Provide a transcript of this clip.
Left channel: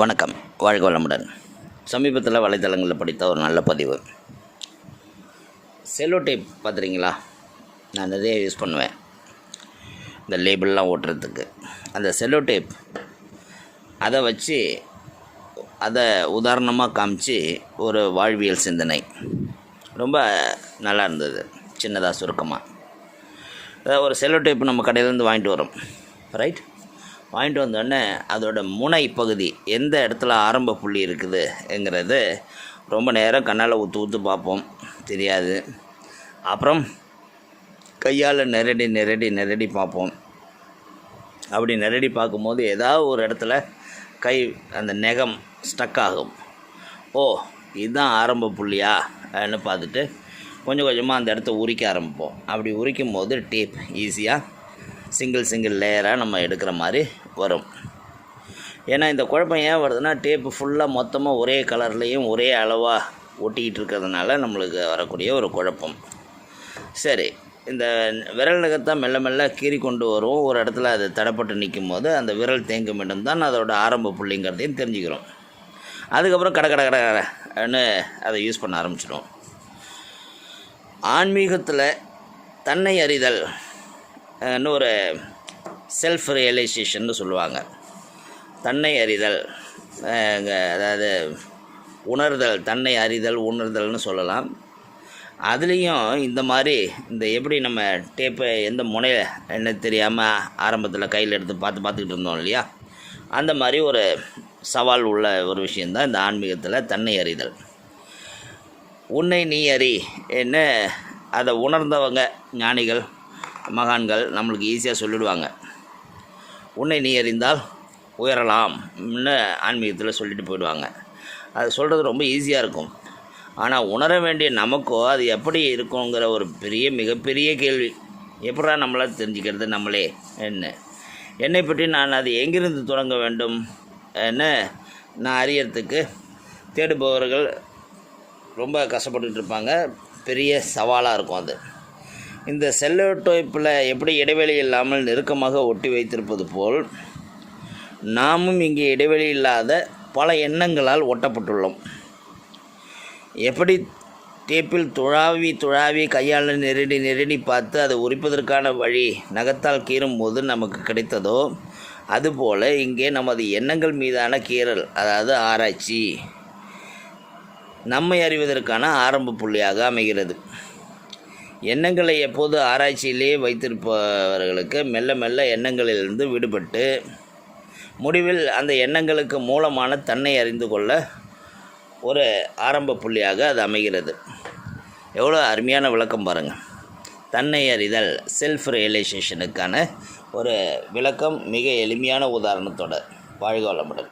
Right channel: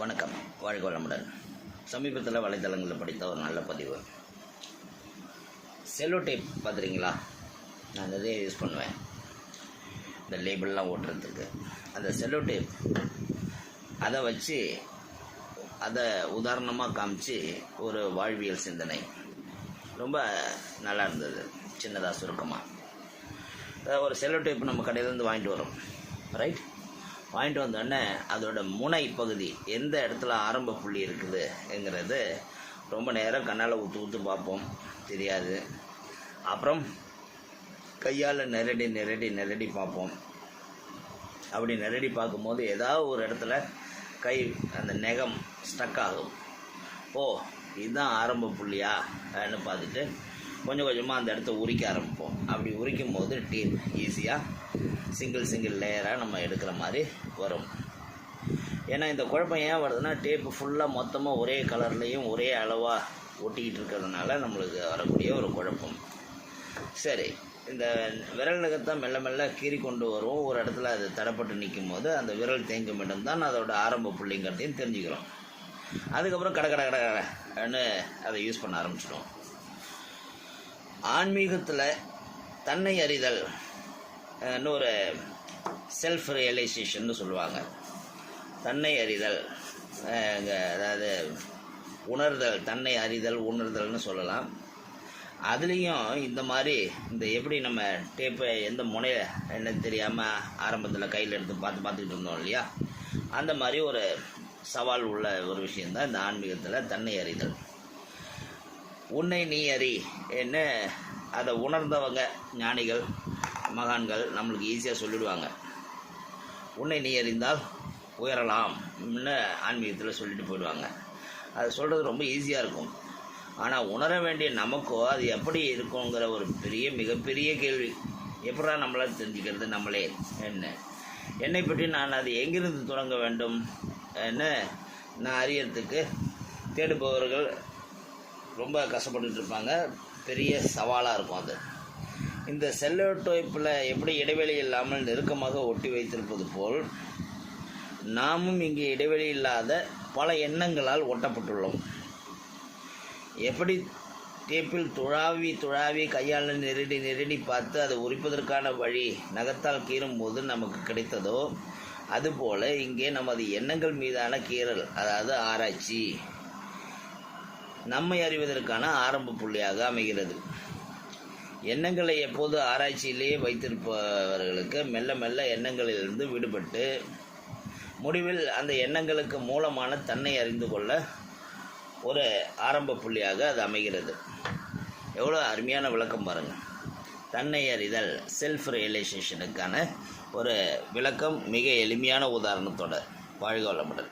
வணக்கம். வாழ்க வளமுடன். சமீபத்தில் வலைத்தளங்களில் படித்த ஒரு நல்ல பதிவு. செல்லோ டேப் பார்த்துறீங்களா நான் நிறைய யூஸ் பண்ணுவேன். இந்த லேபிள்லாம் ஓட்டுறதுக்கு. அந்த செல்லோ டேப் அதை வச்சு அதை உதாரணமாக காமிச்சு ஒரு வாழ்வியல் சிந்தனை. ரொம்ப நல்லா இருந்தது. சின்னதாக சுருக்கமாக அதாவது ஒரு செல்லோ டேப் நம்ம கடையிலேருந்து வாங்கிட்டு வரோம் ரைட் வாங்கிட்டு வந்தோடனே அதோட முனை பகுதி எந்த இடத்துல ஆரம்ப புள்ளி இருக்குதுங்கிறது ரொம்ப நேரம் கண்ணால் ஊற்று ஊற்று பார்ப்போம். தெரியாது. அப்புறம் கையால் நெரடி நெரடி நெரடி பார்ப்போம். அப்படி நெரடி பார்க்கும்போது ஏதாவது ஒரு இடத்துல கை அந்த நெகம் ஸ்டக் ஆகும். ஓ இதுதான் ஆரம்ப புள்ளியா? அப்படின்னு பார்த்துட்டு கொஞ்சம் கொஞ்சமாக அந்த இடத்த உரிக்க ஆரம்பிப்போம். அப்படி உரிக்கும் போது டேப் ஈஸியாக சிங்கிள் சிங்கிள் லேயராக நம்ம எடுக்கிற மாதிரி வரும். ஏன்னா இந்த குழப்பம் ஏன் வருதுன்னா டேப்பு ஃபுல்லாக மொத்தமாக ஒரே கலர்லேயும் ஒரே அளவாக ஒட்டிக்கிட்டு இருக்கிறதுனால நம்மளுக்கு வரக்கூடிய ஒரு குழப்பம். சரி இந்த விரல் நகத்தான் மெல்ல மெல்ல கீறி கொண்டு வரும். ஒரு இடத்துல அது தடப்பட்டு நிற்கும் போது அந்த விரல் தேங்கும் இடம் தான் அதோட ஆரம்ப புள்ளிங்கிறதையும் தெரிஞ்சுக்கிறோம். அதுக்கப்புறம் கடை கட கட கடன்னு அதை யூஸ் பண்ண ஆரம்பிச்சிடும் ஆன்மீகத்தில் தன்னை அறிதல். ன்னு ஒரு செல்ஃப் ரியலைசேஷன்னு சொல்லுவாங்க. தன்னை அறிதல் அதாவது உணர்தல் தன்னை அறிதல் உணர்தல்னு சொல்லலாம். அதுலேயும் இந்த மாதிரி இந்த எப்படி நம்ம டேப்பை எந்த முனையில் என்ன தெரியாமல் ஆரம்பத்தில் கையில் எடுத்து பார்த்து பார்த்துக்கிட்டு இருந்தோம் இல்லையா? அந்த மாதிரி ஒரு சவால் உள்ள ஒரு விஷயந்தான் இந்த ஆன்மீகத்தில் தன்னை அறிதல். உன்னை நீ அறி என்ன? அதை உணர்ந்தவங்க ஞானிகள் மகான்கள் நம்மளுக்கு ஈஸியாக சொல்லிடுவாங்க. உன்னை நீ அறிந்தால் உயரலாம்னு ஆன்மீகத்தில் சொல்லிட்டு போயிடுவாங்க. அது சொல்கிறது ரொம்ப ஈஸியாக இருக்கும். ஆனால் உணர வேண்டிய நமக்கோ அது எப்படி இருக்குங்கிற ஒரு பெரிய மிகப்பெரிய கேள்வி. எப்படா நம்மளால் தெரிஞ்சுக்கிறது நம்மளே? என்ன? என்னை பற்றி நான் அது எங்கிருந்து தொடங்க வேண்டும்? என்ன? நான் அறியறதுக்கு தேடுபவர்கள் ரொம்ப கஷ்டப்பட்டுட்டு இருப்பாங்க. பெரிய சவாலாக இருக்கும் அது. இந்த செல்லோட்டோப்பில் எப்படி இடைவெளி இல்லாமல் நெருக்கமாக ஒட்டி வைத்திருப்பது போல் நாமும் இங்கே இடைவெளி இல்லாத பல எண்ணங்களால் ஒட்டப்பட்டுள்ளோம். எப்படி டேப்பில் துழாவி துழாவி கையால் நெருடி நெருடி பார்த்து அதை உரிப்பதற்கான வழி நகத்தால் கீறும்போது நமக்கு கிடைத்ததோ அதுபோல் இங்கே நமது எண்ணங்கள் மீதான கீறல் அதாவது ஆராய்ச்சி நம்மை அறிவதற்கான ஆரம்ப புள்ளியாக அமைகிறது. எண்ணங்களை எப்போது ஆராய்ச்சியிலேயே வைத்திருப்பவர்களுக்கு மெல்ல மெல்ல எண்ணங்களிலிருந்து விடுபட்டு முடிவில் அந்த எண்ணங்களுக்கு மூலமான தன்னை அறிந்து கொள்ள ஒரு ஆரம்ப புள்ளியாக அது அமைகிறது. எவ்வளோ அருமையான விளக்கம் பாருங்கள் தன்னை அறிதல் செல்ஃப் ரியலைசேஷனுக்கான ஒரு விளக்கம் மிக எளிமையான உதாரணத்தோட வாழ்க வளமுடன்.